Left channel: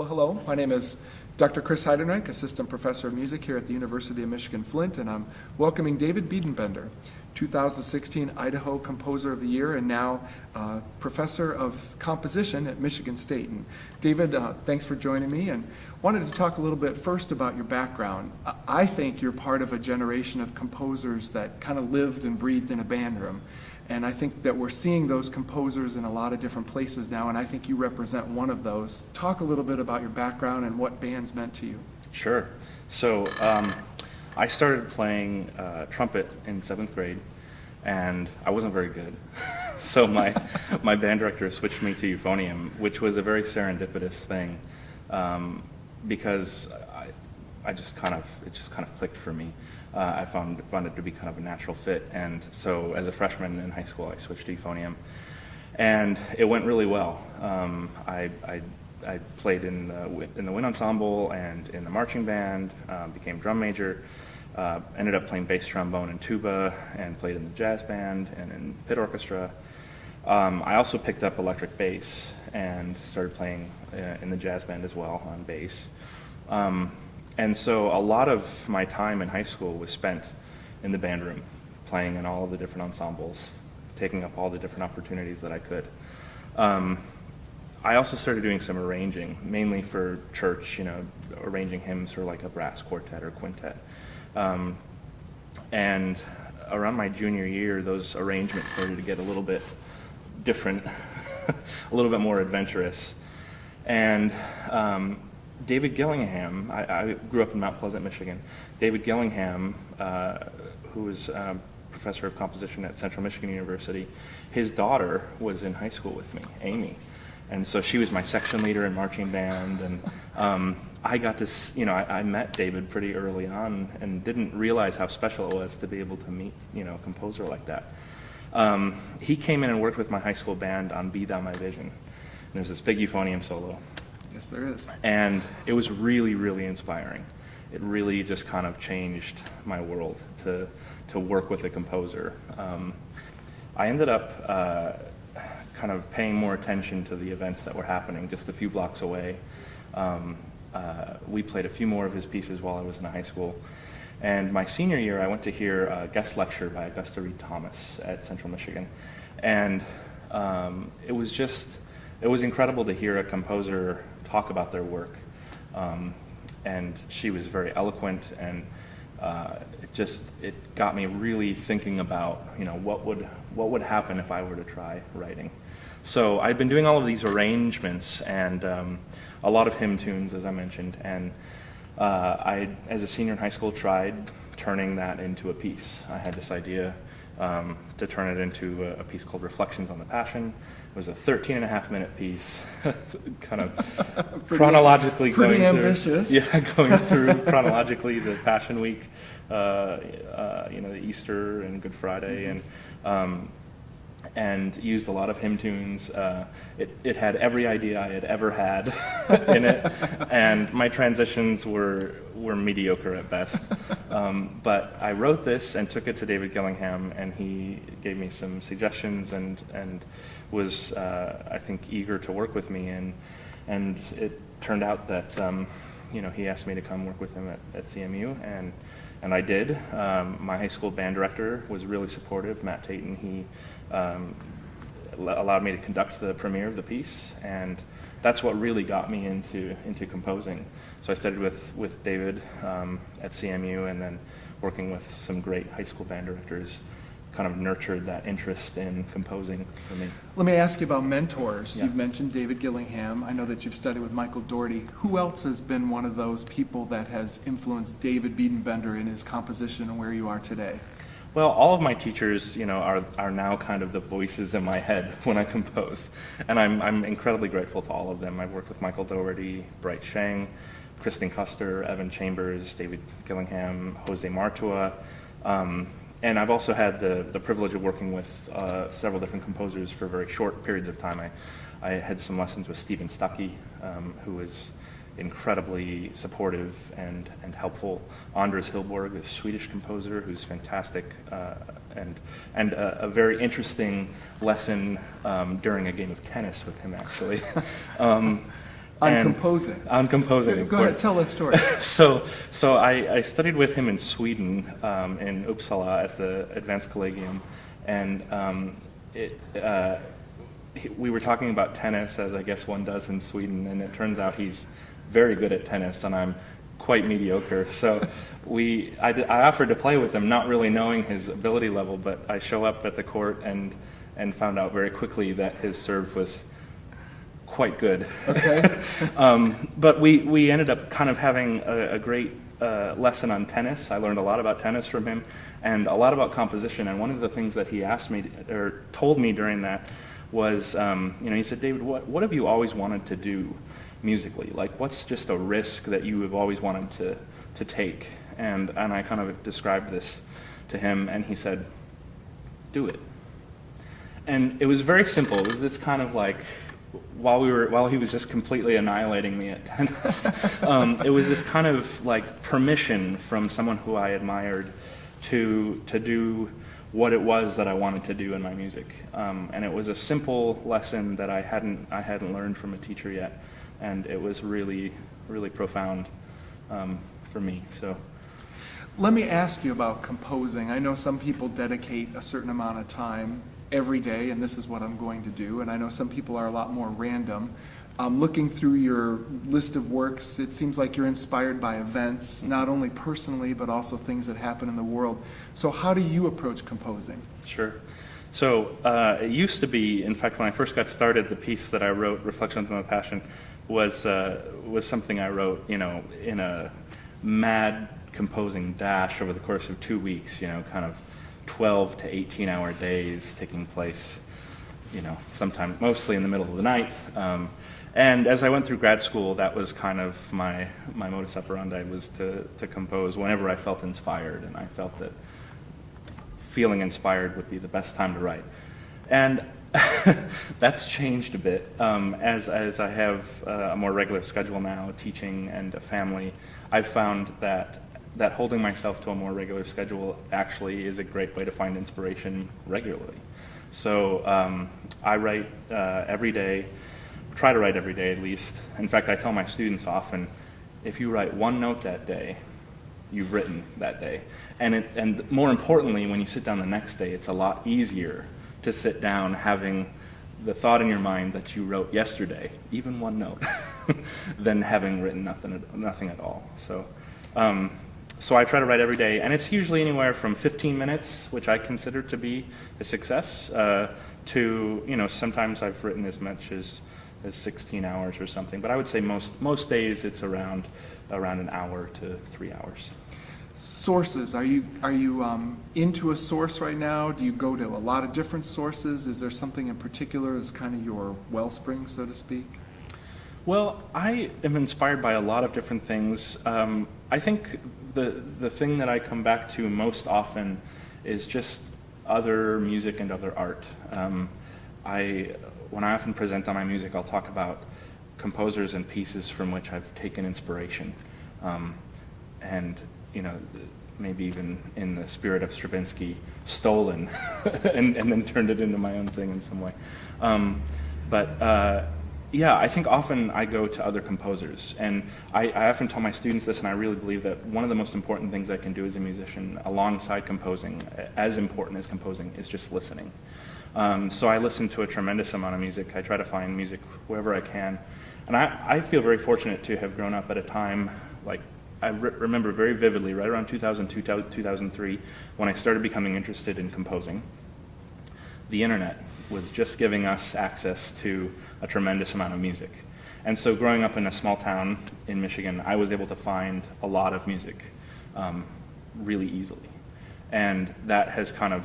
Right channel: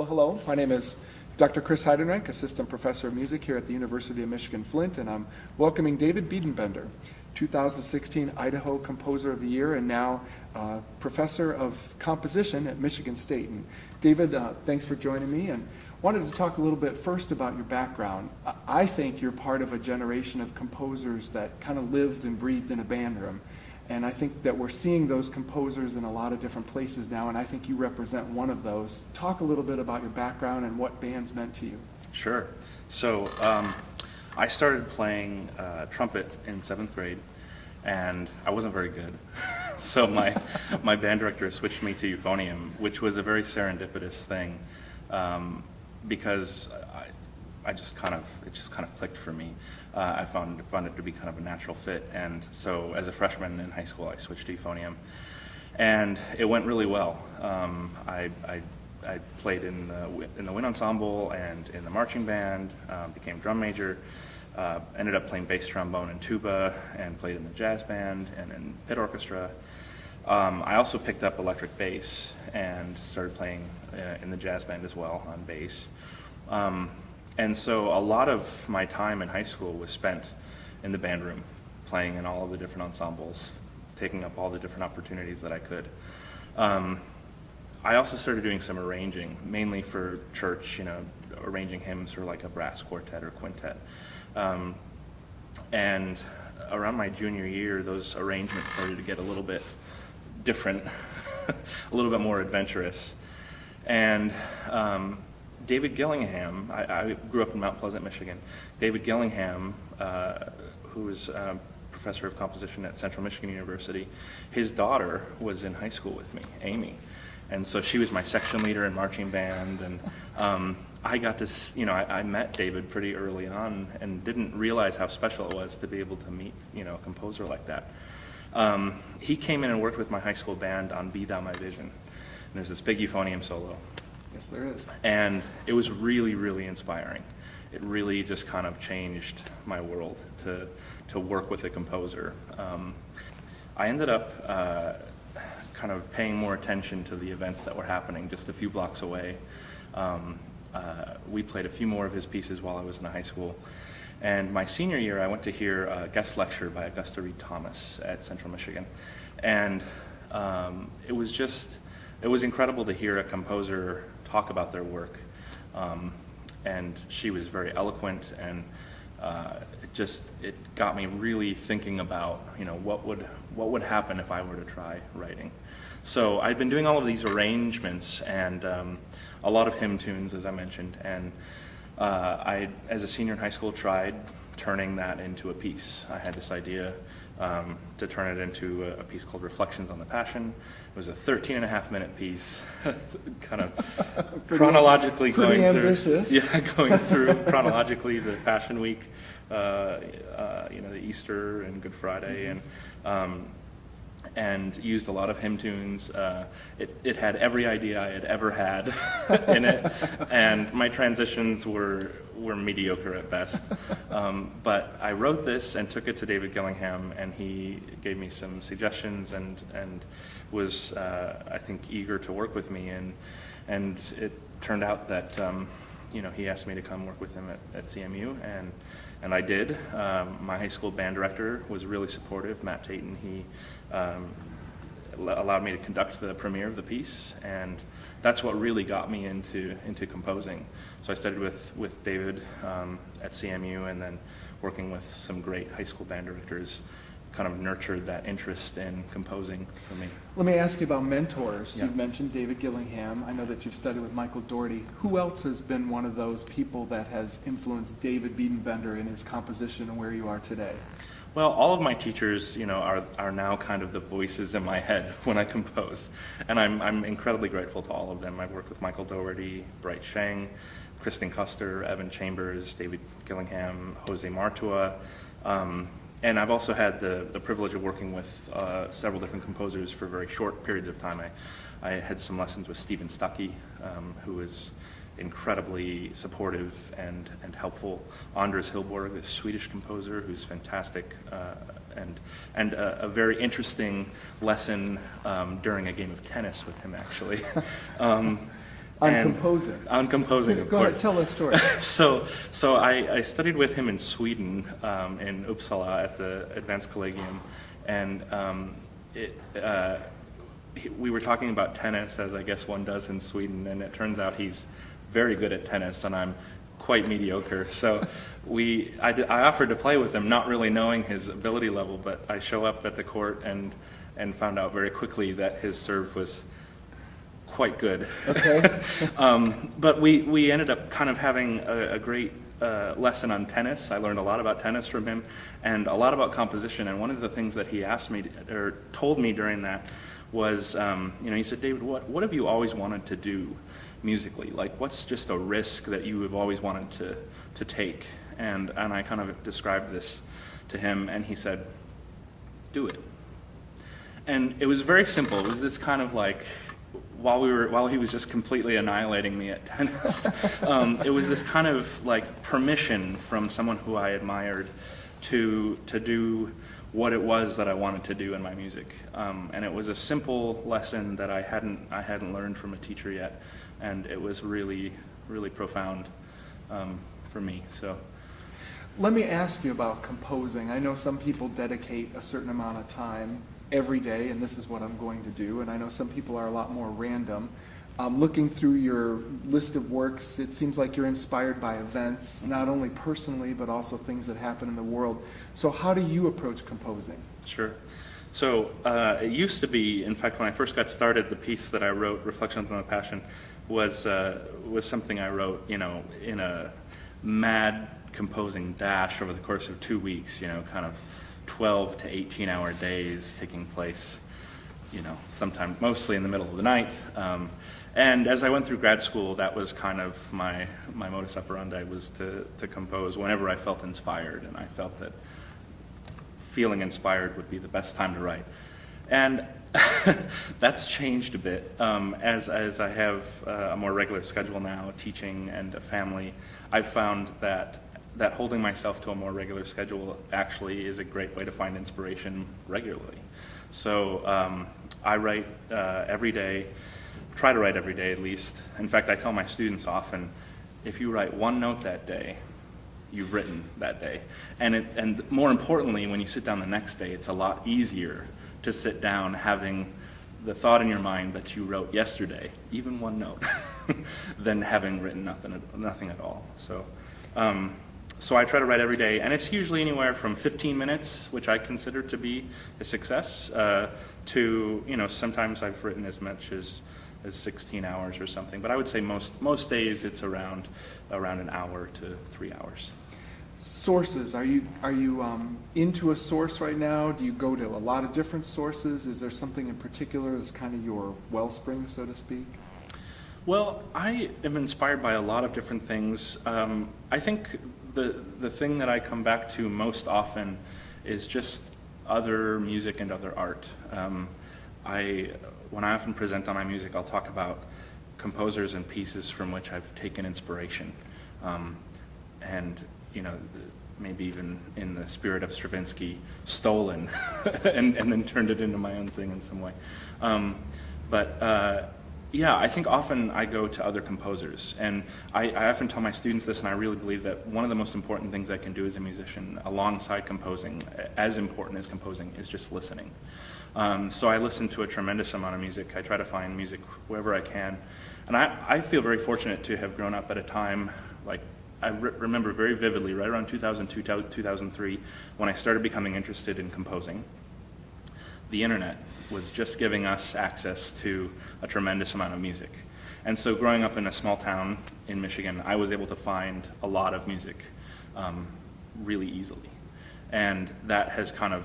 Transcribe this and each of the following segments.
Well, hello. My name is Dr. Chris Heidenreich, Assistant Professor of Music here at the University of Michigan Flint, and I'm welcoming David Biedenbender, 2016 Idaho Composer of the Year and now Professor of Composition at Michigan State. And David, thanks for joining me, and wanted to talk a little bit first about your background. I think you're part of a generation of composers that kind of lived and breathed in a band room. And I think that we're seeing those composers in a lot of different places now, and I think you represent one of those. Talk a little bit about your background and what bands meant to you. Sure. So I started playing trumpet in 7th grade, and I wasn't very good. So my band director switched me to euphonium, which was a very serendipitous thing, because it just kind of clicked for me. I found it to be kind of a natural fit, and so as a freshman in high school, I switched to euphonium, and it went really well. I played in the wind ensemble and in the marching band, became drum major, ended up playing bass trombone and tuba, and played in the jazz band and in pit orchestra. I also picked up electric bass and started playing in the jazz band as well on bass. And so a lot of my time in high school was spent in the band room, playing in all of the different ensembles, taking up all the different opportunities that I could. I also started doing some arranging, mainly for church, arranging hymns for like a brass quartet or quintet. And around my junior year, those arrangements started to get a little bit different, a little bit more adventurous. And David Gillingham, I grew up in Mount Pleasant, Michigan. David Gillingham, who was a professor of composition at Central Michigan University, his daughter was in high school with me, Amy. And so she was my section leader in marching band, and I got to, I met David pretty early on and didn't realize how special it was to be able to meet, a composer like that. He came in and worked with my high school band on Be Thou My Vision. And there's this big euphonium solo. Yes, there is. And it was really, really inspiring. It really just kind of changed my world to work with a composer. I ended up kind of paying more attention to the events that were happening just a few blocks away. We played a few more of his pieces while I was in high school. And my senior year, I went to hear a guest lecture by Augusta Reed Thomas at Central Michigan. And it was incredible to hear a composer talk about their work. And she was very eloquent, and it got me really thinking about, what would happen if I were to try writing. So I'd been doing all of these arrangements and a lot of hymn tunes, as I mentioned, and I, as a senior in high school, tried turning that into a piece. I had this idea to turn it into a piece called Reflections on the Passion. It was a 13-and-a-half-minute piece, kind of chronologically pretty going ambitious. going through chronologically the Passion Week, the Easter and Good Friday, and used a lot of hymn tunes. It had every idea I had ever had in it, and my transitions were mediocre at best. But I wrote this and took it to David Gillingham, and he gave me some suggestions and was, I think, eager to work with me. And it turned out that he asked me to come work with him at CMU, and I did. My high school band director was really supportive, Matt Tayton. He allowed me to conduct the premiere of the piece, and that's what really got me into composing. So I studied with David at CMU, and then working with some great high school band directors kind of nurtured that interest in composing for me. Let me ask you about mentors. Yeah. You've mentioned David Gillingham. I know that you've studied with Michael Doherty. Who else has been one of those people that has influenced David Biedenbender in his composition and where you are today? Well, all of my teachers, are now kind of the voices in my head when I compose, and I'm incredibly grateful to all of them. I've worked with Michael Doherty, Bright Sheng, Kristen Custer, Evan Chambers, David Gillingham, Jose Martua, and I've also had the privilege of working with several different composers for very short periods of time. I had some lessons with Stephen Stuckey, who was incredibly supportive and helpful. Anders Hillborg, a Swedish composer who's fantastic, and a very interesting lesson during a game of tennis with him, actually. On And- composing. On composing, Okay, of go course. ahead, tell that story. So I studied with him in Sweden, in Uppsala at the Advanced Collegium, and we were talking about tennis, as I guess one does in Sweden, and it turns out he's very good at tennis, and I'm quite mediocre. So I offered to play with him, not really knowing his ability level, but I show up at the court and found out very quickly that his serve was quite good. Okay. But we ended up kind of having a great lesson on tennis. I learned a lot about tennis from him and a lot about composition. And one of the things that he asked me or told me during that was, he said, David, what have you always wanted to do musically? Like, what's just a risk that you have always wanted to take? And I kind of described this to him, and he said, do it. And it was very simple. It was this kind of like, while he was just completely annihilating me at tennis, it was this kind of like permission from someone who I admired to do what it was that I wanted to do in my music. And it was a simple lesson that I hadn't learned from a teacher yet, and it was really, really profound for me. So. Let me ask you about composing. I know some people dedicate a certain amount of time every day, and this is what I'm going to do. And I know some people are a lot more random. Looking through your list of works, it seems like you're inspired by events, not only personally, but also things that happen in the world. So how do you approach composing? Sure. So it used to be, in fact, when I first got started, the piece that I wrote, Reflections on the Passion, was something I wrote, in a mad composing dash over the course of 2 weeks, kind of 12 to 18-hour days taking place, sometime mostly in the middle of the night. And as I went through grad school, that was kind of my modus operandi, was to compose whenever I felt inspired, and I felt that feeling inspired would be the best time to write. And that's changed a bit. As I have a more regular schedule now, teaching and a family, I've found that holding myself to a more regular schedule actually is a great way to find inspiration regularly. So I write every day, try to write every day at least. In fact, I tell my students often, if you write one note that day, you've written that day. And more importantly, when you sit down the next day, it's a lot easier to sit down having the thought in your mind that you wrote yesterday, even one note, than having written nothing at all. So I try to write every day, and it's usually anywhere from 15 minutes, which I consider to be a success, to, sometimes I've written as much as 16 hours or something. But I would say most days it's around an hour to 3 hours. Sources. Are you into a source right now? Do you go to a lot of different sources? Is there something in particular that's kind of your wellspring, so to speak? Well, I am inspired by a lot of different things. I think the thing that I come back to most often is just other music and other art. When I often present on my music, I'll talk about composers and pieces from which I've taken inspiration. And maybe even in the spirit of Stravinsky, stolen and then turned it into my own thing in some way. Yeah, I think often I go to other composers, and I often tell my students this, and I really believe that one of the most important things I can do as a musician, alongside composing, as important as composing, is just listening. So I listen to a tremendous amount of music. I try to find music wherever I can, and I feel very fortunate to have grown up at a time, like I remember very vividly, right around 2002, 2003, when I started becoming interested in composing. The internet was just giving us access to a tremendous amount of music. And so growing up in a small town in Michigan, I was able to find a lot of music really easily. And that has kind of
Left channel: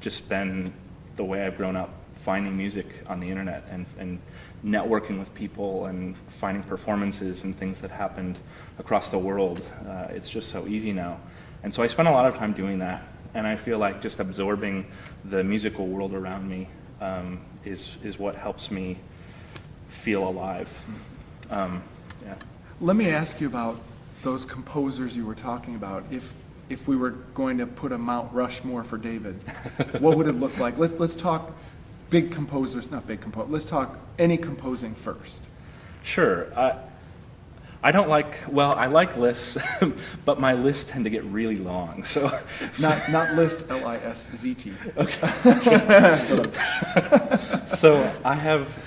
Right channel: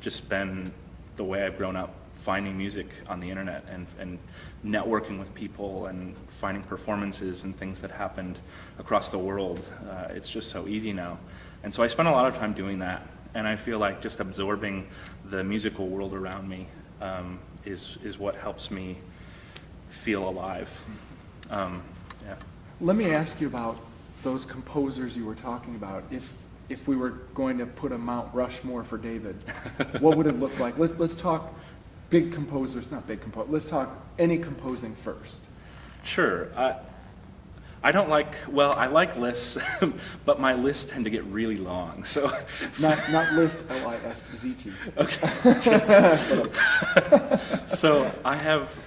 just been the way I've grown up, finding music on the internet and networking with people and finding performances and things that happened across the world. It's just so easy now. And so I spend a lot of time doing that. And I feel like just absorbing the musical world around me is what helps me feel alive. Yeah. Let me ask you about those composers you were talking about. If we were going to put a Mount Rushmore for David, what would it look like? Let's talk big composers, not big composers. Let's talk any composing first. Sure. I don't like, well, I like lists, but my lists tend to get really long. So Not list, L-I-S-Z-T. Okay. So I have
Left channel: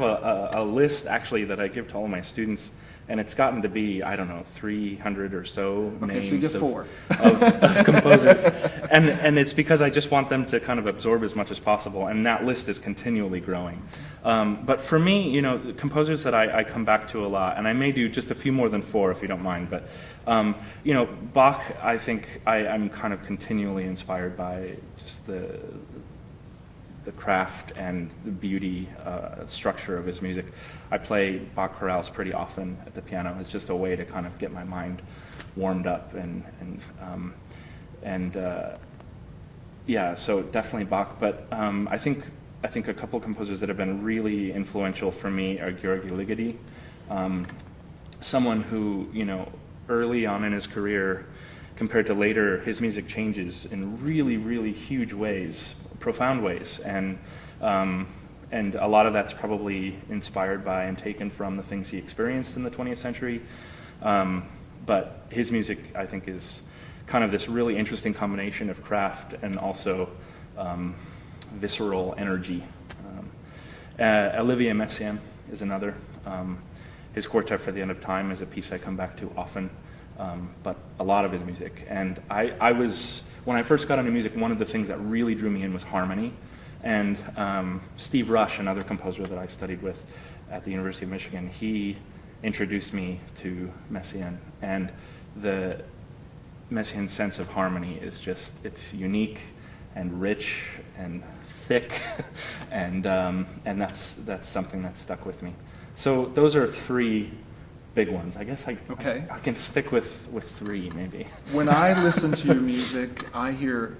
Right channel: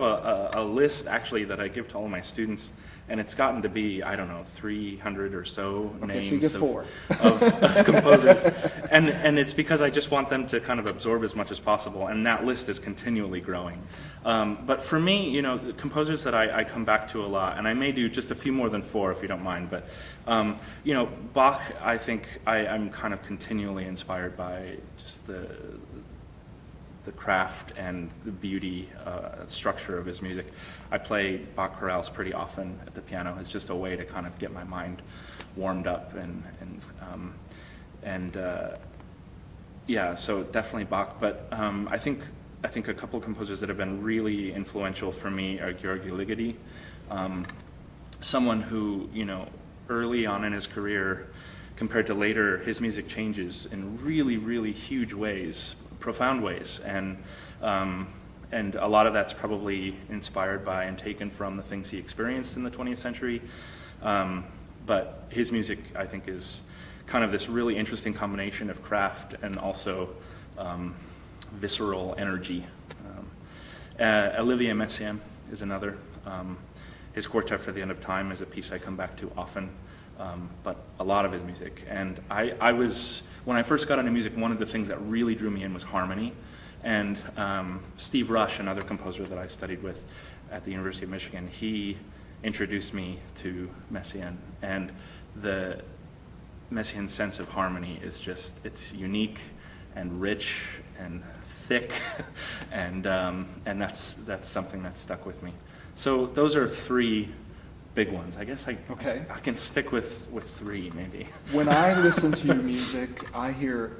a list actually that I give to all my students, and it's gotten to be, I don't know, 300 or so names so you get four. of composers. And it's because I just want them to kind of absorb as much as possible, and that list is continually growing. But for me, you know, the composers that I come back to a lot, and I may do just a few more than four if you don't mind, but, you know, Bach, I think I'm kind of continually inspired by just the craft and the beauty structure of his music. I play Bach chorales pretty often at the piano. It's just a way to kind of get my mind warmed up yeah, so definitely Bach. But I think a couple of composers that have been really influential for me are György Ligeti, someone who, you know, early on in his career compared to later, his music changes in really, really huge ways, profound ways, and a lot of that's probably inspired by and taken from the things he experienced in the 20th century. But his music, I think, is kind of this really interesting combination of craft and also visceral energy. Olivier Messiaen is another. His Quartet for the End of Time is a piece I come back to often, but a lot of his music. And when I first got into music, one of the things that really drew me in was harmony. And Steve Rush, another composer that I studied with at the University of Michigan, he introduced me to Messiaen. And the Messiaen's sense of harmony is just, it's unique and rich and thick, and that's something that stuck with me. So those are three big ones. I guess I can stick with three, maybe. When I listen to your music, I hear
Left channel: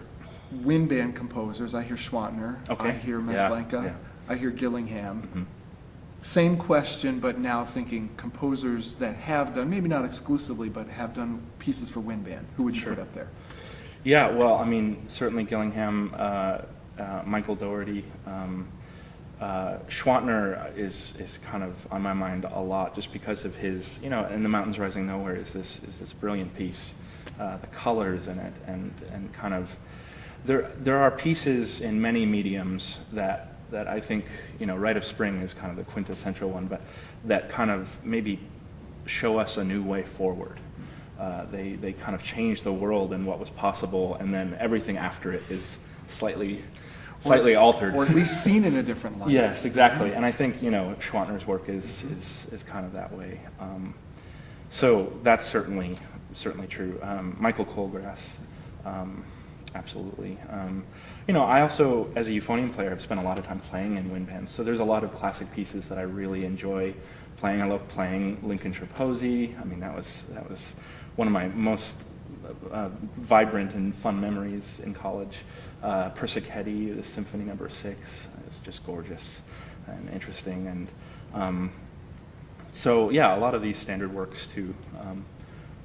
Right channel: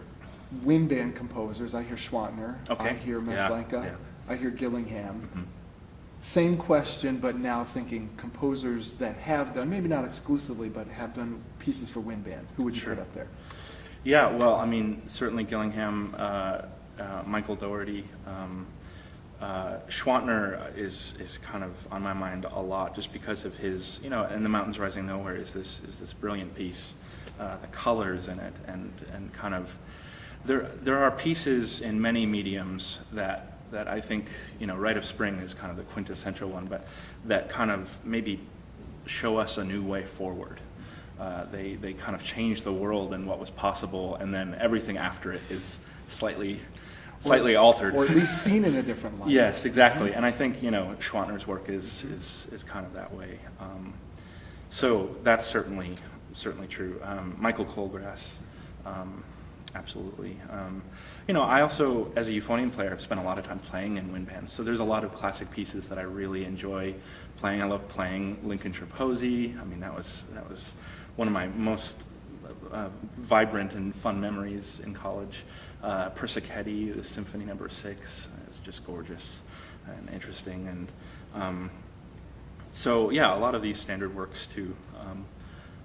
wind band composers. I hear Schwantner. Okay. I hear Maslenka. Yeah. I hear Gillingham. Mm-hmm. Same question, but now thinking composers that have done, maybe not exclusively, but have done pieces for wind band. Who would you Sure. put up there? Yeah, well, I mean, certainly Gillingham, Michael Dougherty. Schwantner is kind of on my mind a lot, just because of his, you know, "In the Mountains Rising Nowhere" is this brilliant piece, the colors in it, and kind of there are pieces in many mediums that I think, you know, Rite of Spring is kind of the quintessential one, but that kind of maybe show us a new way forward. They kind of change the world and what was possible, and then everything after it is slightly altered. Or at least seen in a different light. Yes, exactly. And I think, you know, Schwantner's work is kind of that way. So that's certainly true. Michael Colgrass, absolutely. You know, I also, as a euphonium player, have spent a lot of time playing in wind bands. So there's a lot of classic pieces that I really enjoy playing. I love playing Lincolnshire Posy. I mean, that was one of my most vibrant and fun memories in college. Persichetti, the Symphony No. 6, is just gorgeous and interesting. And so, yeah, a lot of these standard works, too,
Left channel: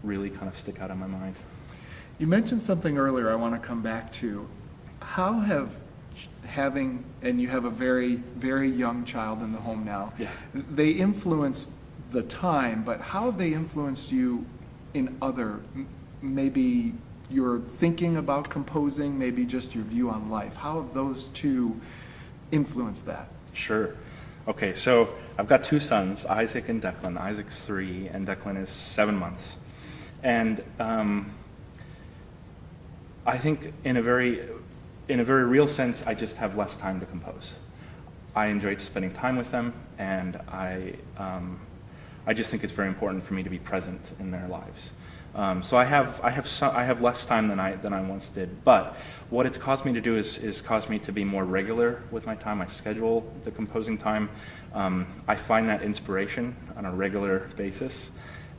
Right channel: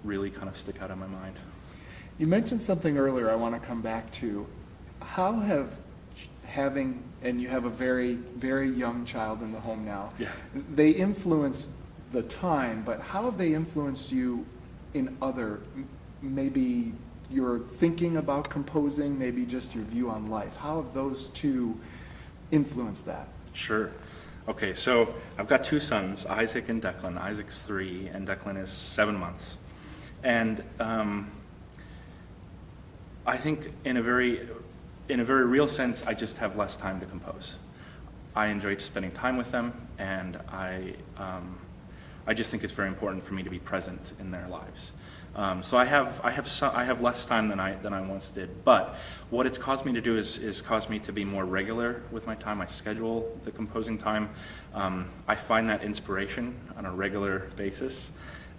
really kind of stick out in my mind. You mentioned something earlier I want to come back to. How and you have a very, very young child in the home now. Yeah. They influenced the time, but how have they influenced you in other, maybe your thinking about composing, maybe just your view on life? How have those two influenced that? Sure. Okay, so I've got two sons, Isaac and Declan. Isaac's 3, and Declan is 7 months. And I think in a very real sense, I just have less time to compose. I enjoyed spending time with them, and I just think it's very important for me to be present in their lives. So I have less time than I once did. But what it's caused me to do is caused me to be more regular with my time. I schedule the composing time. I find that inspiration on a regular basis,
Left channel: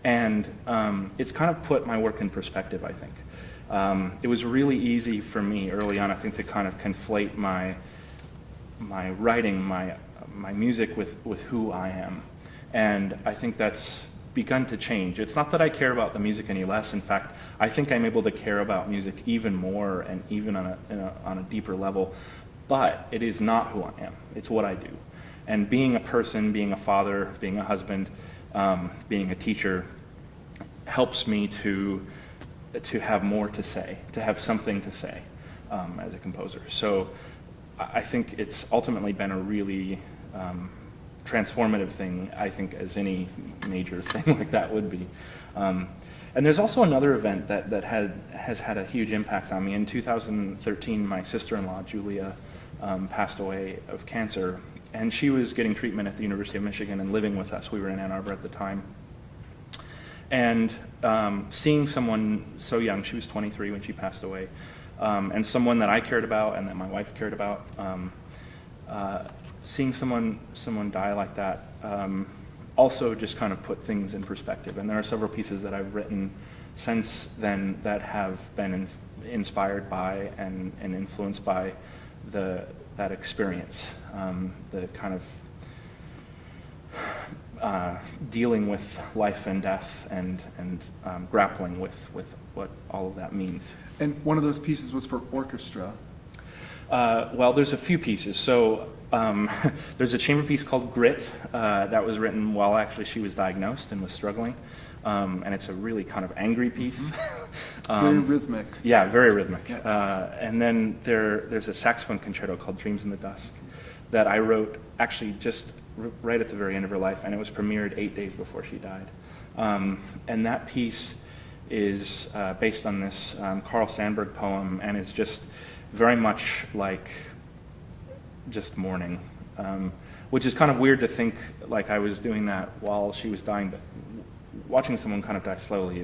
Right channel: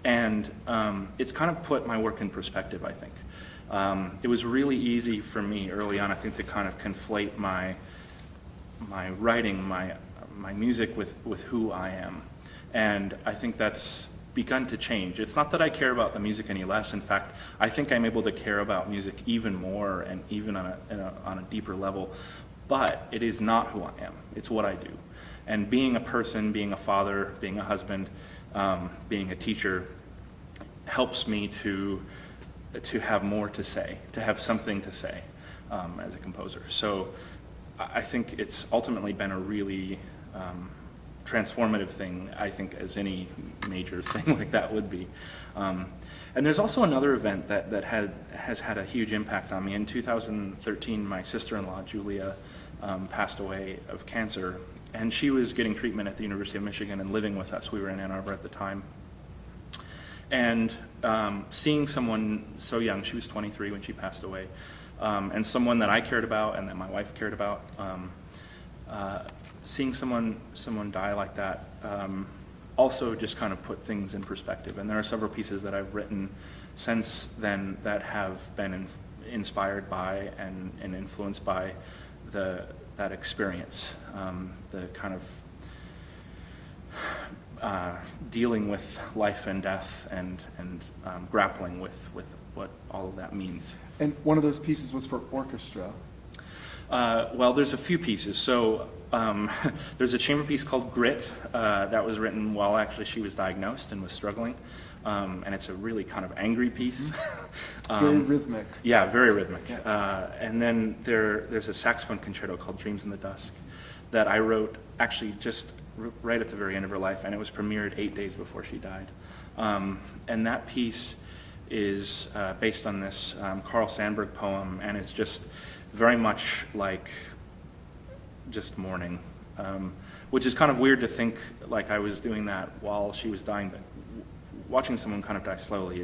and it's kind of put my work in perspective, I think. It was really easy for me early on, I think, to kind of conflate my writing, my music with who I am. And I think that's begun to change. It's not that I care about the music any less. In fact, I think I'm able to care about music even more and even on a deeper level. But it is not who I am. It's what I do. And being a person, being a father, being a husband, being a teacher, helps me to have more to say, to have something to say as a composer. So I think it's ultimately been a really transformative thing, I think, as any major thing like that would be. And there's also another event that has had a huge impact on me. In 2013, my sister-in-law, Julia, passed away of cancer, and she was getting treatment at the University of Michigan and living with us. We were in Ann Arbor at the time. And seeing someone so young, she was 23 when she passed away, and someone that I cared about and that my wife cared about, seeing someone die like that also just kind of put things in perspective. And there are several pieces that I've written since then that have been inspired by and influenced by that experience, the kind of dealing with life and death and grappling with what all of that means. And one of those pieces was for orchestra. Well, there's a few pieces. So there's a chamber piece called Grit that was written while actually she was diagnosed and was struggling. And it's a really kind of angry piece. Very rhythmic. Yeah, very rhythmic. And then there's a saxophone concerto called Dreams in the Dusk that I wrote actually just right at the very end of her life, and it was premiered 8 days before she died. And that piece is based on this Carl Sandburg poem, and it's just very much like just mourning, which is kind of weird to think like I was doing that while she was dying. But watching someone kind of die slowly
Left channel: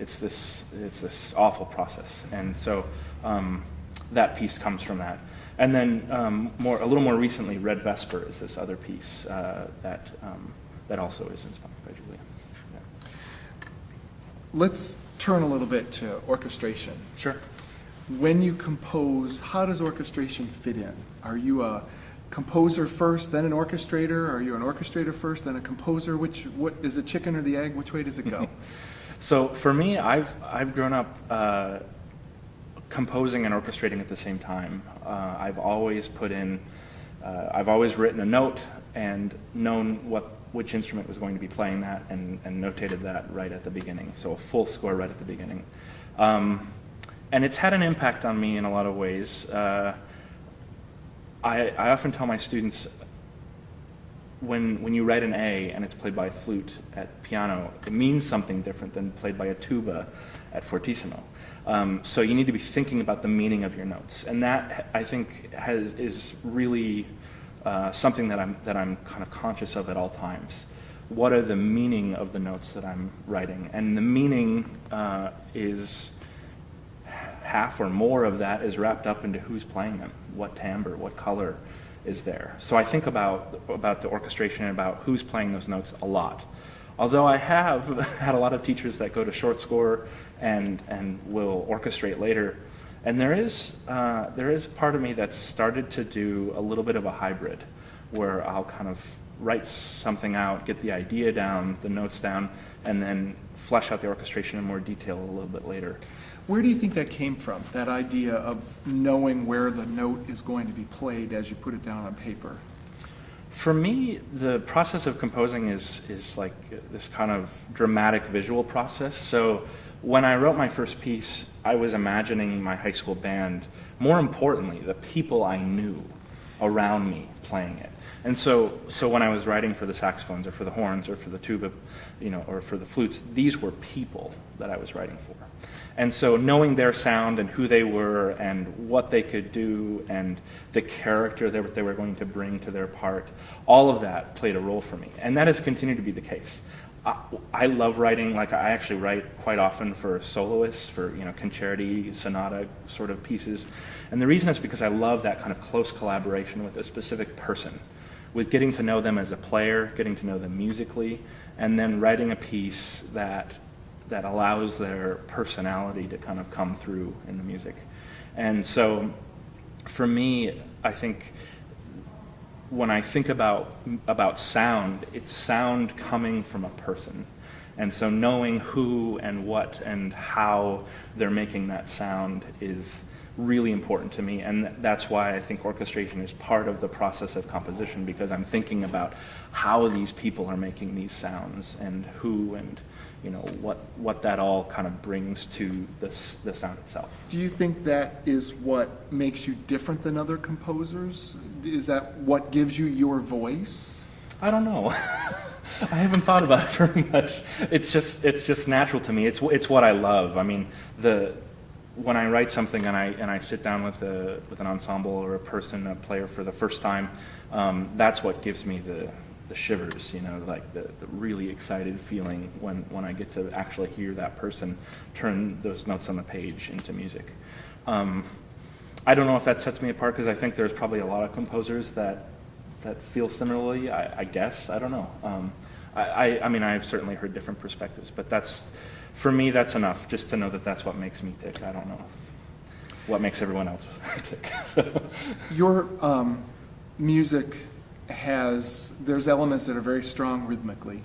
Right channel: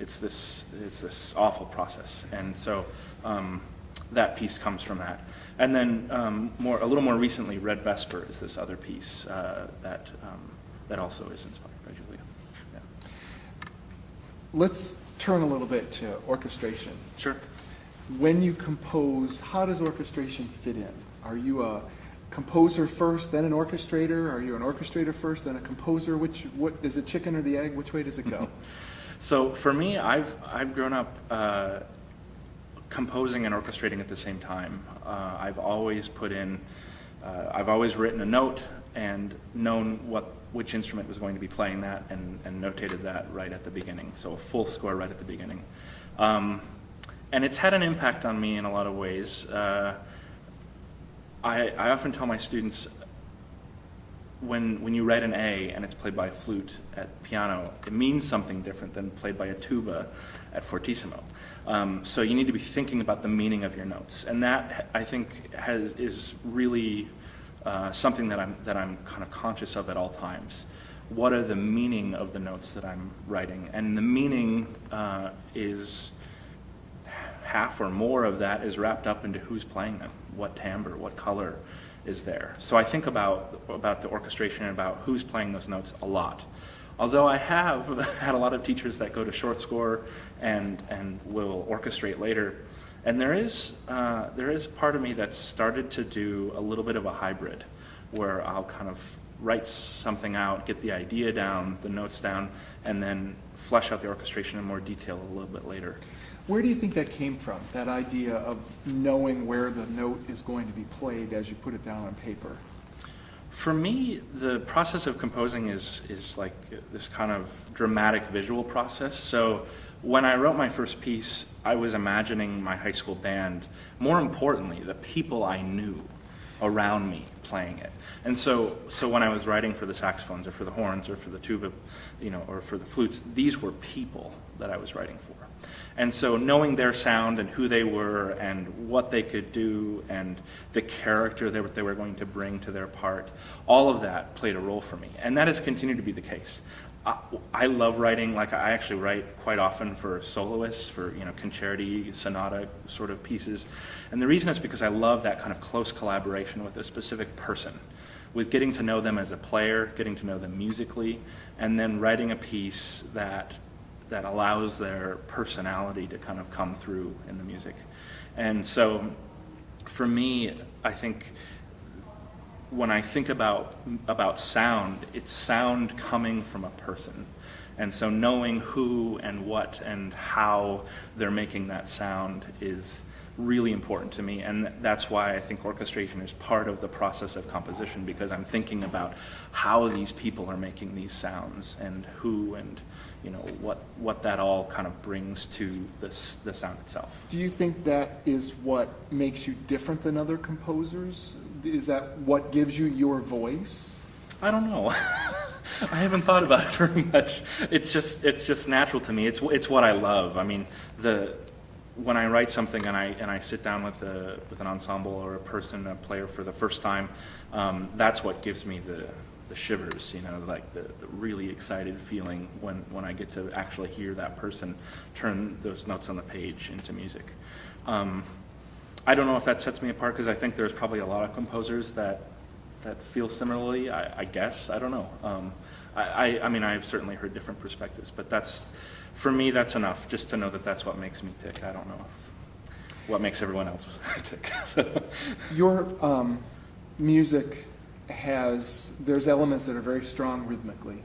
it's this awful process, and so that piece comes from that. And then a little more recently, Red Vesper is this other piece that also is inspired by Julia. Yeah. Let's turn a little bit to orchestration. Sure. When you compose, how does orchestration fit in? Are you a composer first, then an orchestrator? Are you an orchestrator first, then a composer? What is it, chicken or the egg? Which way does it go? So for me, I've grown up composing and orchestrating at the same time. I've always I've always written a note and known which instrument was going to be playing that and notated that right at the beginning. So a full score right at the beginning. And it's had an impact on me in a lot of ways. I often tell my students, when you write an A and it's played by a flute at piano, it means something different than played by a tuba at fortissimo. So you need to be thinking about the meaning of your notes, and that I think is really something that I'm kind of conscious of at all times. What are the meaning of the notes that I'm writing? And the meaning is half or more of that is wrapped up into who's playing them, what timbre, what color is there. So I think about the orchestration and about who's playing those notes a lot. Although I have had a lot of teachers that go to short score and will orchestrate later, and there is part of me that's started to do a little bit of a hybrid, where I'll kind of write something out, get the idea down, the notes down, and then flesh out the orchestration in more detail a little bit later. Where do you think that came from, that idea of knowing where the note is going to be played as you put it down on paper? For me, the process of composing is like this kind of dramatic visual process. So when I wrote my first piece, I was imagining my high school band, more importantly, the people I knew around me playing it. And so when I was writing for the saxophones or for the horns or for the tuba, or for the flutes, these were people that I was writing for. And so knowing their sound and who they were and what they could do and the character that they were going to bring to their part, all of that played a role for me. And that has continued to be the case. I love writing, like I actually write quite often for soloists, for concerti, sonata sort of pieces. And the reason is because I love that kind of close collaboration with a specific person, with getting to know them as a player, getting to know them musically, and then writing a piece that allows their personality to kind of come through in the music. And so for me, I think when I think about sound, it's sound coming from a person. And so knowing who and what and how they're making that sound is really important to me, and that's why I think orchestration is part of the process of composition, because I'm thinking about how these people are making these sounds and who and what that all kind of brings to the sound itself. Do you think that is what makes you different than other composers? Is that what gives you your voice? I don't know. I haven't thought about it very much. It's just natural to me. It's what I love. I mean, when I write something and I sit down with an ensemble or a player for the first time, that's what gives me the shivers, like the really excited feeling when I get to actually hear that person turn those notes on the page into music. I don't know if that sets me apart, because I think there's probably a lot of composers that feel similarly, I guess. I don't know. I mean, I've certainly heard different perspectives, but for me, that's enough, just to know that that's what makes me tick. I don't know what makes everyone else tick. So. Your music there's elements that are very strong rhythmically,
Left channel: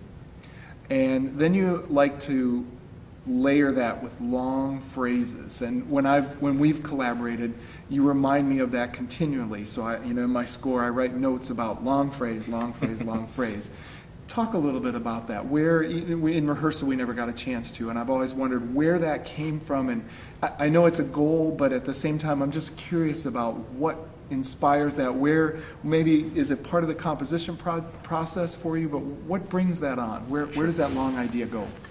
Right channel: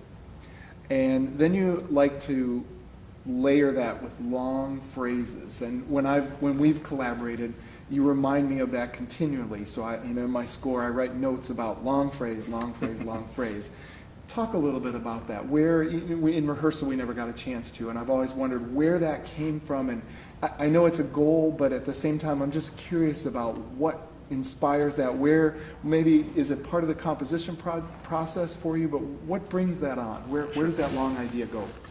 and then you like to layer that with long phrases. And when we've collaborated, you remind me of that continually. So in my score, I write notes about long phrase, long phrase, long phrase. Talk a little bit about that. Where in rehearsal we never got a chance to, and I've always wondered where that came from. And I know it's a goal, but at the same time, I'm just curious about what inspires that. Where maybe is it part of the composition process for you? But what brings that on? Where does that long idea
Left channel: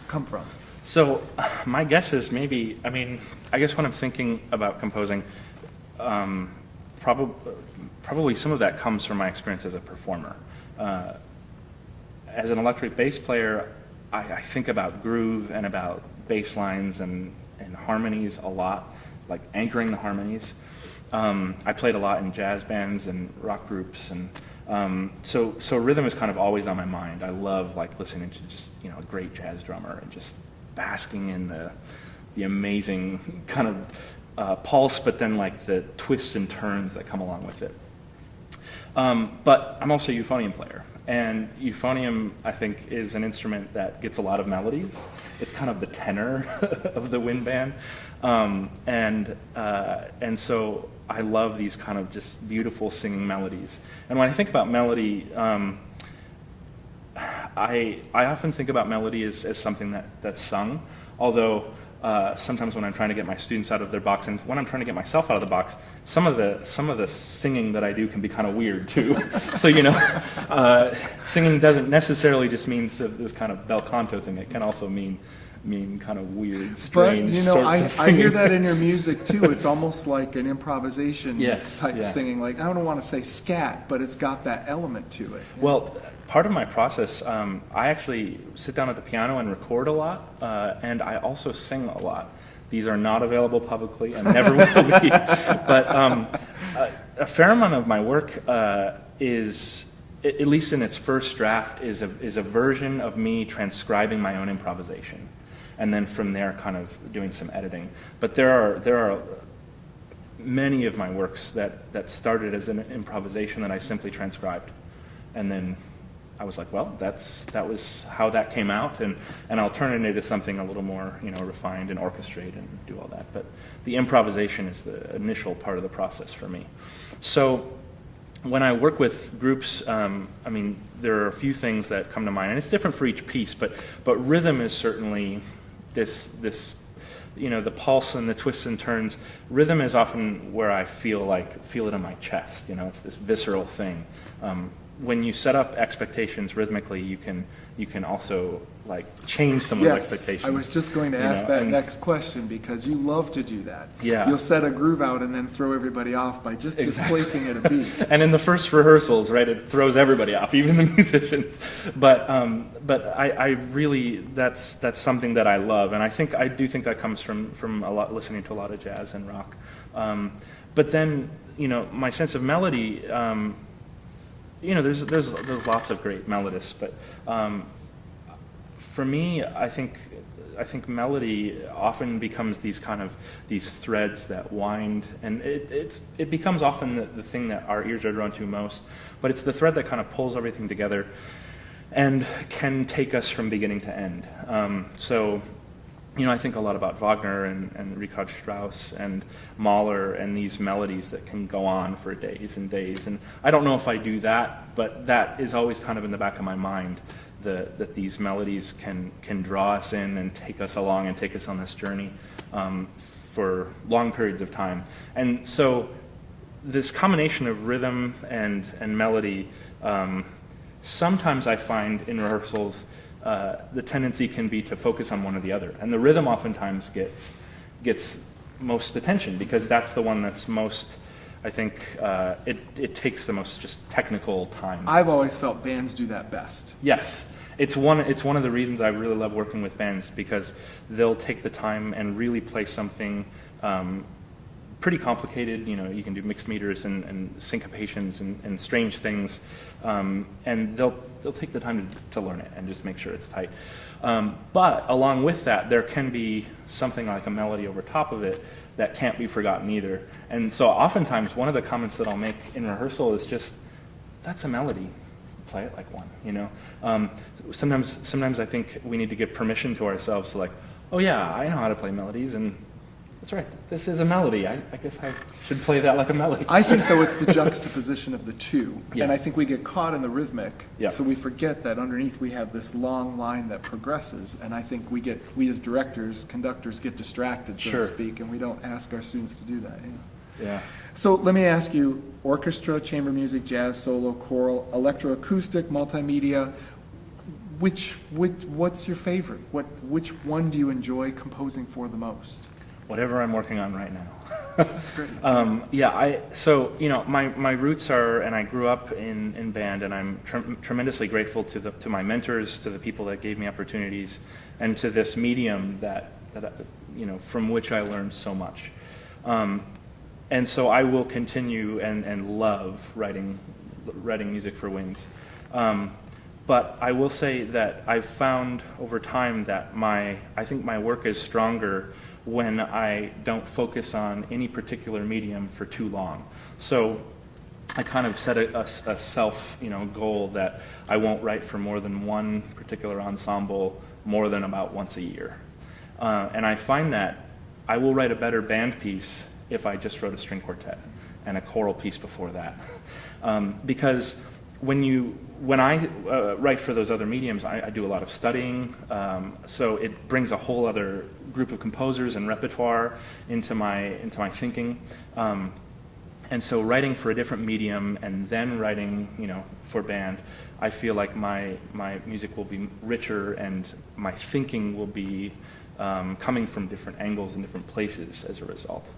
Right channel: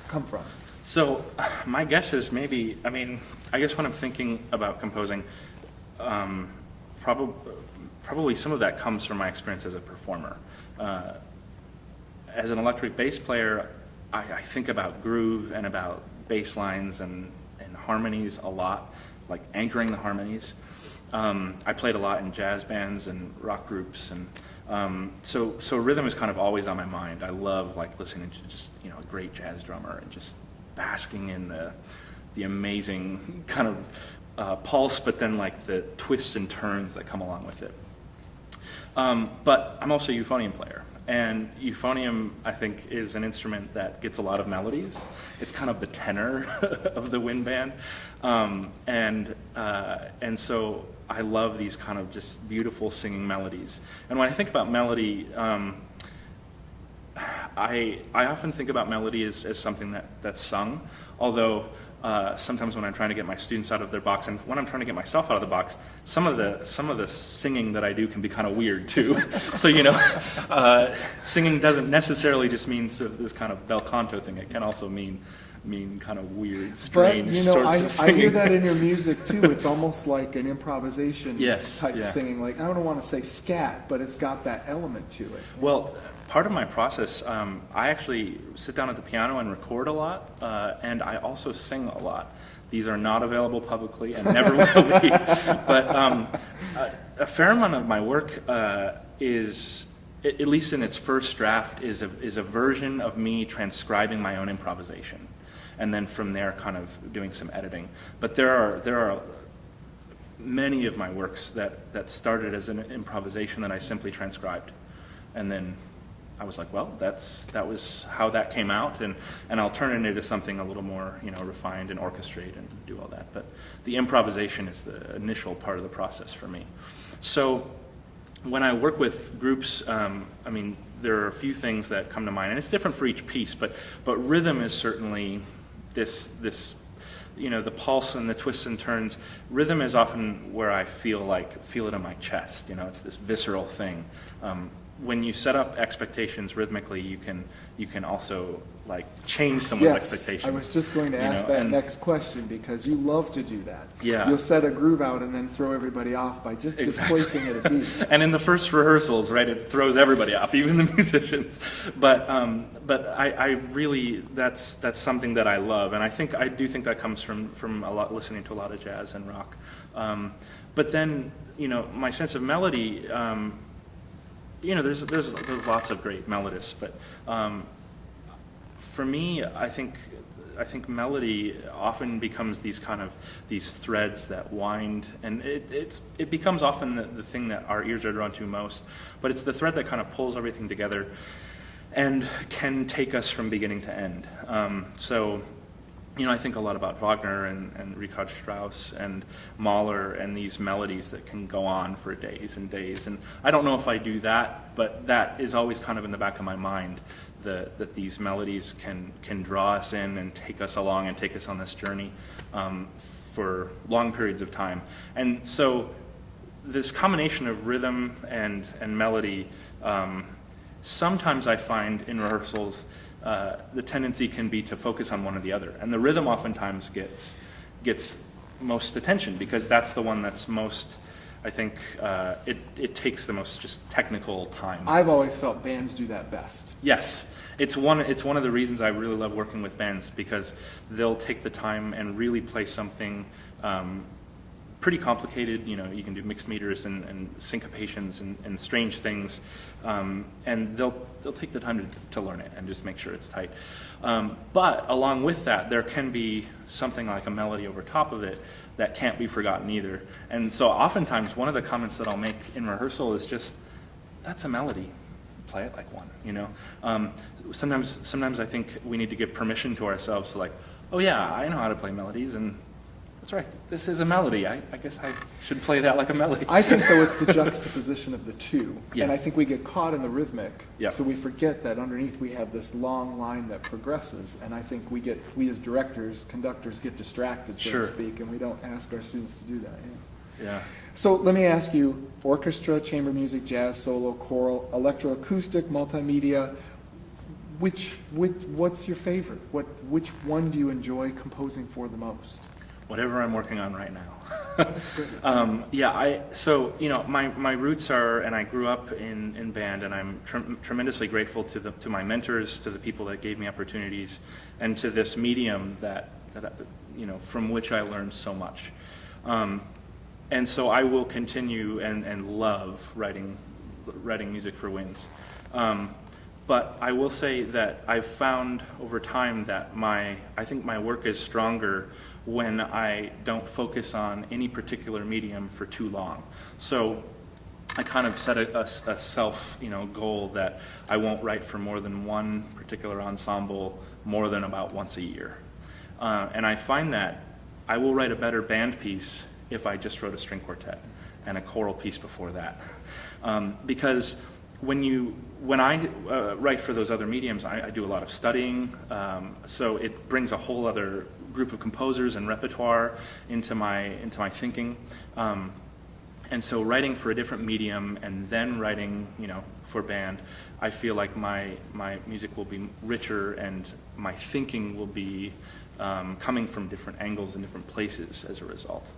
come from? So my guess is I guess when I'm thinking about composing, probably some of that comes from my experience as a performer. As an electric bass player, I think about groove and about bass lines and harmonies a lot, like anchoring the harmonies. I played a lot in jazz bands and rock groups, and so rhythm is kind of always on my mind. I love listening to just a great jazz drummer and just basking in the amazing kind of pulse, but then the twists and turns that come along with it. But I'm also a euphonium player, and euphonium, I think, is an instrument that gets a lot of melodies. It's kind of the tenor of the wind band, and so I love these kind of just beautiful singing melodies. And when I think about melody, I often think about melody as something that's sung, although sometimes when I'm trying to get my students out of their box, and when I'm trying to get myself out of the box, some of the singing that I do can be kind of weird too. So singing doesn't necessarily just mean this kind of bel canto thing. It can also mean kind of weird, strange sorts of singing. I hear that in your music too. It's almost like an improvisation type yeah. singing. I don't want to say scat, but it's got that element to it. Well, part of my process, I actually sit down at the piano and record a lot, and I also sing a lot. These are not available publicly and never will be. But a fair amount of my work is, at least in its first draft, is a version of me transcribing my own improvisation, and then from there kind of doing some editing. But there are many of my works that started as an improvisation that I simply transcribed, and then I was like, well, that was how that came out, and I'll turn it into something a little more, refined and orchestrate and do all that. But the improvisation is the initial part of the process for me. So when I work with groups, there are a few things that come to mind, and it's different for each piece. But rhythm is certainly this. The pulse and the twists and turns. Rhythm is often where I feel it in my chest. It's this visceral thing. When you set up expectations rhythmically, you can also change someone's expectations. I was just going to ask that next question, because you love to do that. Yeah. You'll set a groove out and then throw everybody off by just displacing it a beat. And in the first rehearsals, right, it throws everybody off, even the musicians. But I really, that's something that I love, and I do think that comes from a lot, listening to a lot of jazz and rock. But then my sense of melody. There's lots of great melodists, but for me, I think melody often becomes these threads that wind, and it becomes often the thing that our ears are drawn to most. But it's the thread that kind of pulls everything together, and can take us from beginning to end. So I think a lot about Wagner and Richard Strauss and Mahler and these melodies that can go on for days and days. And I don't know if I do that, but that is always kind of in the back of my mind, that these melodies can draw us in and take us along and take us on this journey for long periods of time. And so this combination of rhythm and melody, sometimes I find in rehearsals, the tendency can be to focus on one or the other. And the rhythm oftentimes gets most attention because that's the one that's most, I think, it takes the most just technical time. I've always felt bands do that best. Yes. It's one of the reasons I really love working with bands, because they'll take the time and really play something pretty complicated. You can do mixed meters and syncopations and strange things, and they'll take the time to learn it and just make sure it's tight. But along with that, there can be something like a melody over top of it that can't be forgotten either. And so oftentimes one of the comments that I'll make in rehearsal is just, that's a melody. Play it like one, Sometimes I think we need to give permission to ourselves to oh yeah, I know how to play melodies, and that's right, this is a melody. I guess I should play that like a melody. I think, though, it's the juxtaposition of the two. Yeah. And I think we get caught in the rhythmic, Yeah. so we forget that underneath we have this long line that progresses, and I think we as directors, conductors, get distracted, so Sure. to speak, and we don't ask our students to do that. Yeah. So let me ask you, orchestra, chamber music, jazz, solo, choral, electroacoustic, multimedia, what's your favorite? Which one do you enjoy composing for the most? Whatever I'm working on right now. That's great. My roots are, and I grew up in band, and I'm tremendously grateful to my mentors, to the people that gave me opportunities, and to this medium that from which I learned so much. And so I will continue and love writing music for winds. But I will say that I've found over time that I think my work is stronger when I don't focus on any particular medium for too long. So I kind of set a self goal that I won't write for more than one particular ensemble more than about once a year. And I find that I will write a better band piece if I just wrote a string quartet and a choral piece before that. Because when I write for those other mediums, I do a lot of studying, so it brings a whole other group of composers and repertoire into my thinking. And so writing for a different medium and then writing, for band, I feel like my music will be richer and my thinking will be coming from different angles and different places as a result.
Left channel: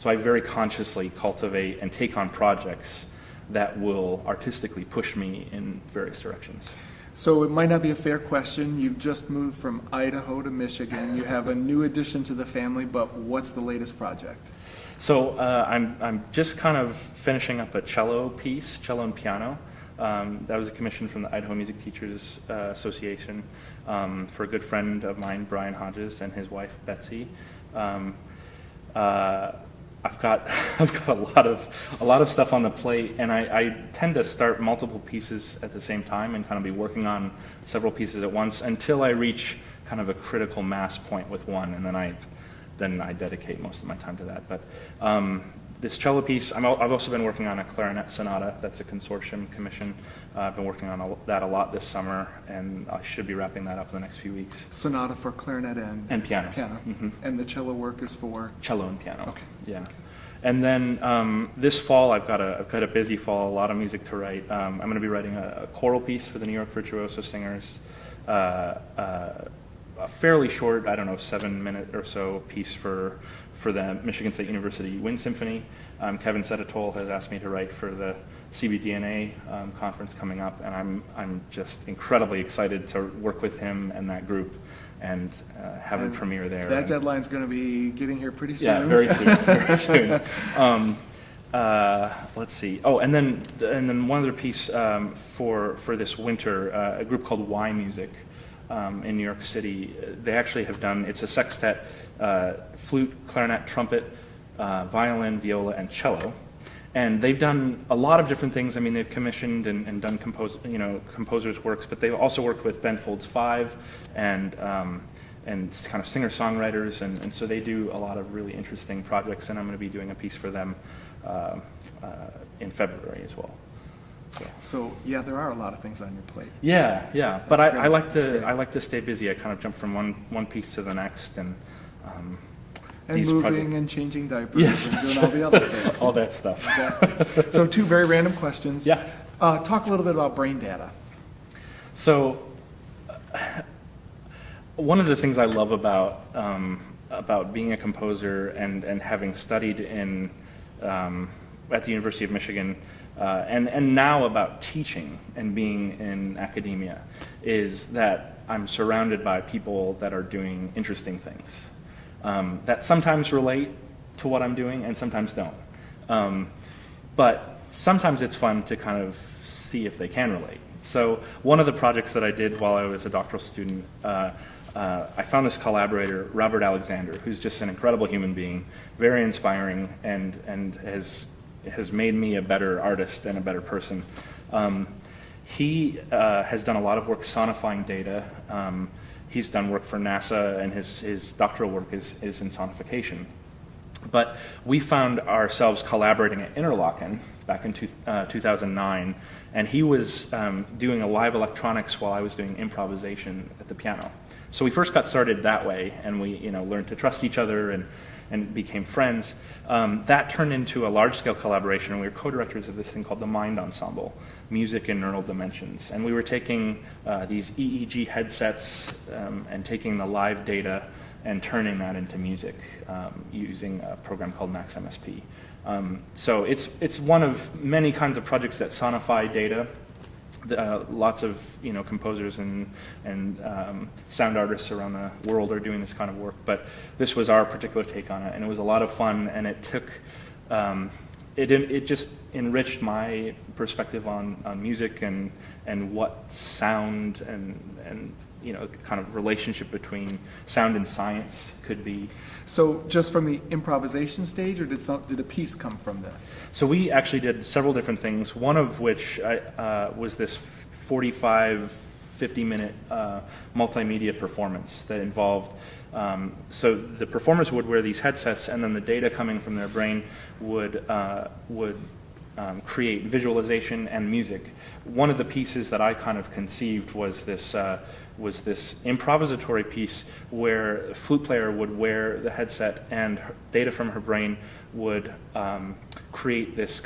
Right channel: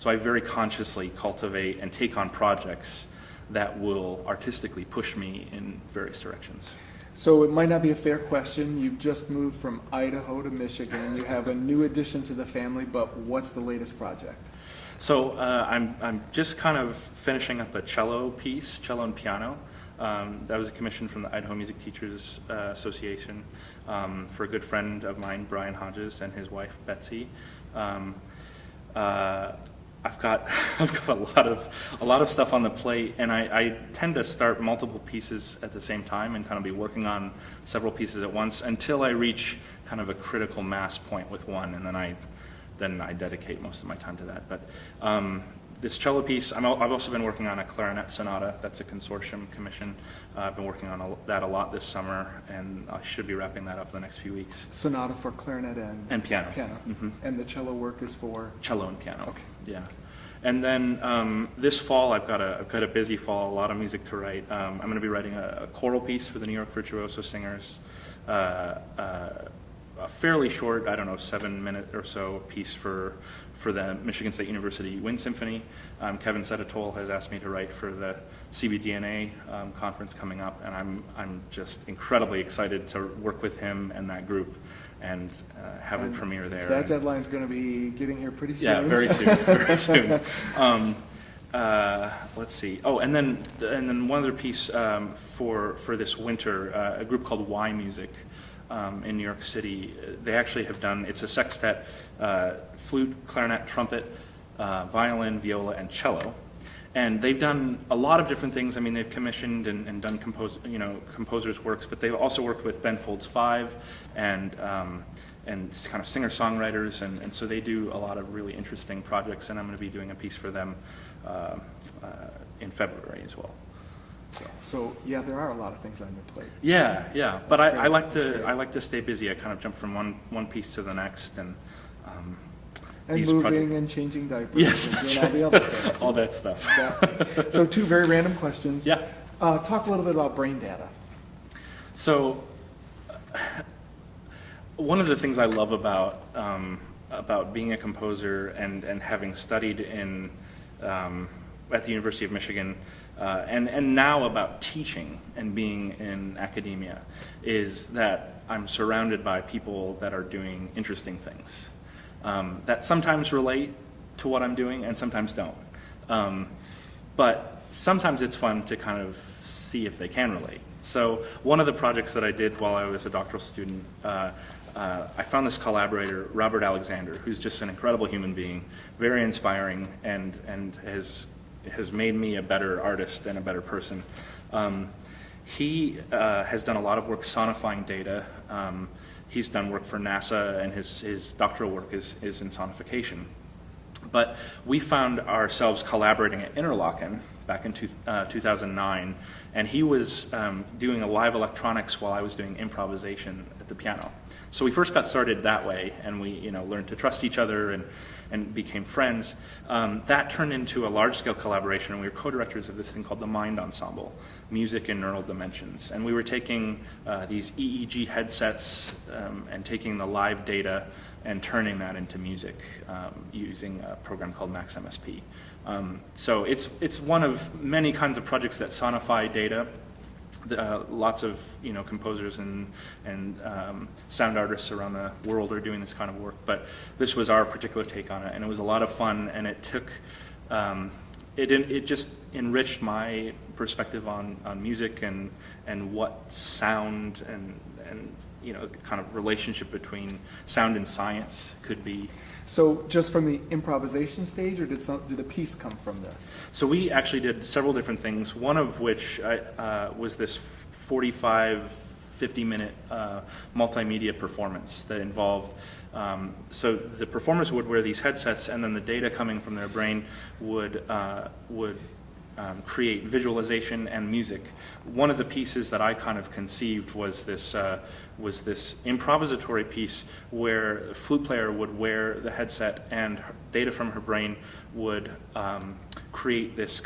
So I very consciously cultivate and take on projects that will artistically push me in various directions. So it might not be a fair question. You've just moved from Idaho to Michigan. You have a new addition to the family, but what's the latest project? So I'm just kind of finishing up a cello piece, cello and piano. That was a commission from the Idaho Music Teachers Association for a good friend of mine, Brian Hodges, and his wife Betsy. I've got a lot of stuff on the plate, and I tend to start multiple pieces at the same time and kind of be working on several pieces at once until I reach kind of a critical mass point with one, and then I dedicate most of my time to that. But this cello piece, I've also been working on a clarinet sonata. That's a consortium commission. I've been working on that a lot this summer, and I should be wrapping that up in the next few weeks. Sonata for clarinet and piano. Mm-hmm. And the cello work is for? Cello and piano. Okay. Yeah. And then this fall, I've got a busy fall, a lot of music to write. I'm going to be writing a choral piece for the New York Virtuoso Singers, a fairly short, 7-minute or so piece for the Michigan State University Wind Symphony. Kevin Seditol has asked me to write for the CBDNA conference coming up, and I'm just incredibly excited to work with him and that group and have a premiere there. That deadline's going to be getting here pretty soon. Yeah, very soon. Very soon. Let's see. Oh, and then one other piece for this winter, a group called Y Music in New York City. They actually have done. It's a sextet: flute, clarinet, trumpet, violin, viola, and cello. And they've done a lot of different things. I mean, they've commissioned and done composers' works, but they've also worked with Ben Folds 5 and kind of singer-songwriters, and so they do a lot of really interesting projects, and I'm going to be doing a piece for them in February as well. So yeah, there are a lot of things on your plate. Yeah. But I like That's to stay busy. I kind of jump from one piece to the next, and And moving and changing diapers. Yes, and doing all the other things. all that stuff. Exactly. So 2 very random questions. Yeah. Talk a little bit about brain data. So, one of the things I love about being a composer and having studied at the University of Michigan, and now about teaching and being in academia, is that I'm surrounded by people that are doing interesting things that sometimes relate to what I'm doing and sometimes don't. But sometimes it's fun to kind of see if they can relate. So one of the projects that I did while I was a doctoral student, I found this collaborator, Robert Alexander, who's just an incredible human being, very inspiring, and has made me a better artist and a better person. He has done a lot of work sonifying data. He's done work for NASA, and his doctoral work is in sonification. But we found ourselves collaborating at Interlochen back in 2009, and he was doing a live electronics while I was doing improvisation at the piano. So we first got started that way, and we learned to trust each other and became friends. That turned into a large-scale collaboration, and we were co-directors of this thing called the Mind Ensemble, Music in Neural Dimensions. And we were taking these EEG headsets and taking the live data and turning that into music using a program called MaxMSP. So it's one of many kinds of projects that sonify data. Lots of composers and sound artists around the world are doing this kind of work, but this was our particular take on it, and it was a lot of fun. And it took it just enriched my perspective on music and what sound and kind of relationship between sound and science could be. So just from the improvisation stage, or did a piece come from this? So we actually did several different things, one of which was this 45, 50-minute multimedia performance that involved, so the performers would wear these headsets, and then the data coming from their brain would create visualization and music. One of the pieces that I kind of conceived was this improvisatory piece where a flute player would wear the headset, and data from her brain would create this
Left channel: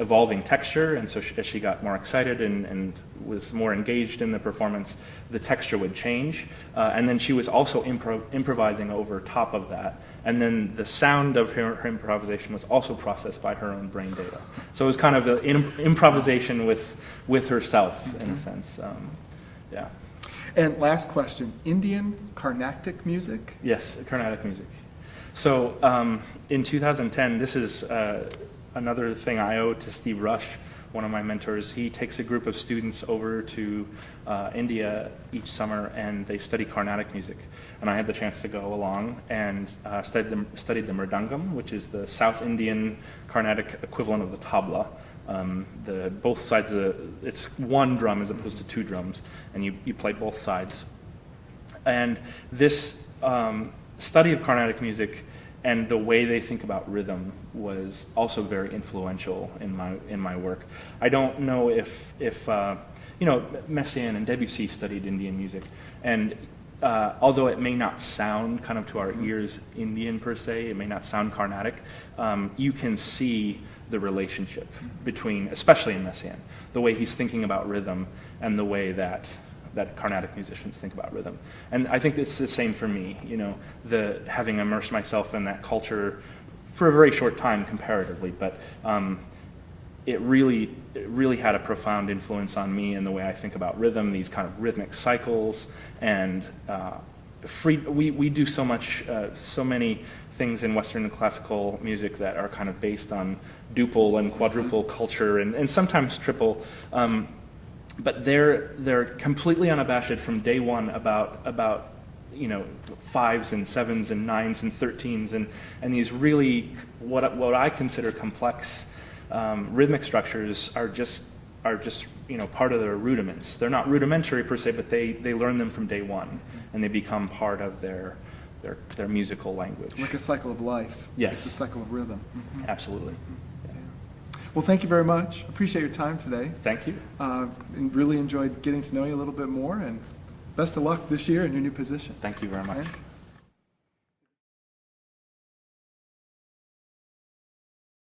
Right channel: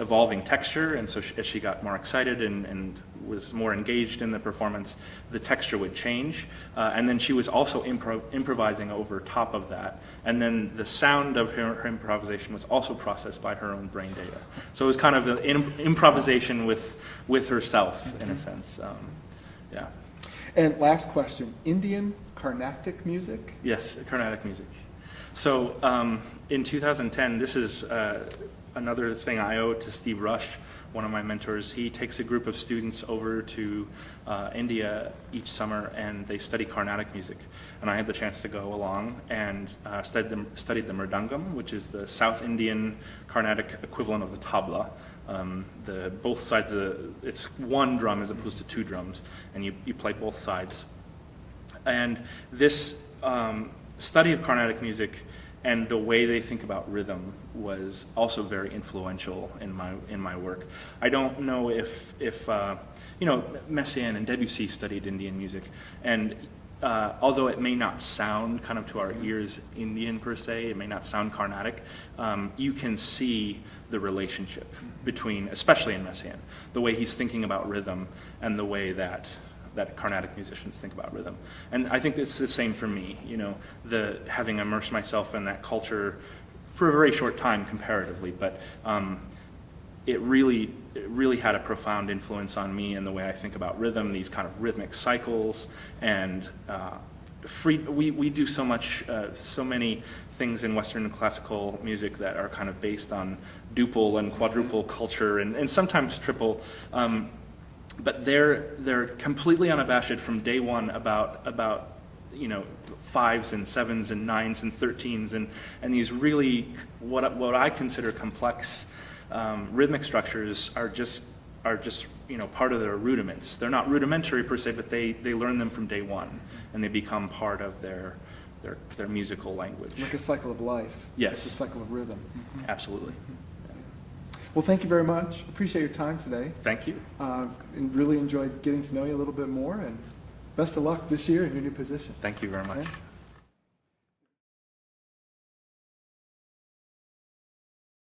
evolving texture. And so as she got more excited and was more engaged in the performance, the texture would change. And then she was also improvising over top of that. And then the sound of her improvisation was also processed by her own brain data. So it was kind of an improvisation with herself, in a sense. Yeah. And last question, Indian Carnatic music? Yes, Carnatic music. So in 2010, this is another thing I owe to Steve Rush, one of my mentors. He takes a group of students over to India each summer, and they study Carnatic music. And I had the chance to go along and studied the mridangam, which is the South Indian Carnatic equivalent of the tabla. Both sides it's one drum as opposed to 2 drums, and you play both sides. And this study of Carnatic music and the way they think about rhythm was also very influential in my work. I don't know if Messiaen and Debussy studied Indian music, and although it may not sound kind of to our ears Indian per se, it may not sound Carnatic, you can see the relationship between, especially in Messiaen, the way he's thinking about rhythm and the way that Carnatic musicians think about rhythm. And I think it's the same for me, having immersed myself in that culture for a very short time comparatively, but it really had a profound influence on me in the way I think about rhythm, these kind of rhythmic cycles, and we do so many things in Western classical music that are kind of based on duple and quadruple culture, and sometimes triple, but they're completely unabashed from day one about 5s and 7s and 9s and 13s and these really what I consider complex rhythmic structures are just part of their rudiments. They're not rudimentary per se, but they learn them from day one, and they become part of their musical language. Like a cycle of life. Yes. It's a cycle of rhythm. Absolutely. Well, thank you very much. Appreciate your time today. Thank you. And really enjoyed getting to know you a little bit more, and best of luck this year in your new position. Thank you very much.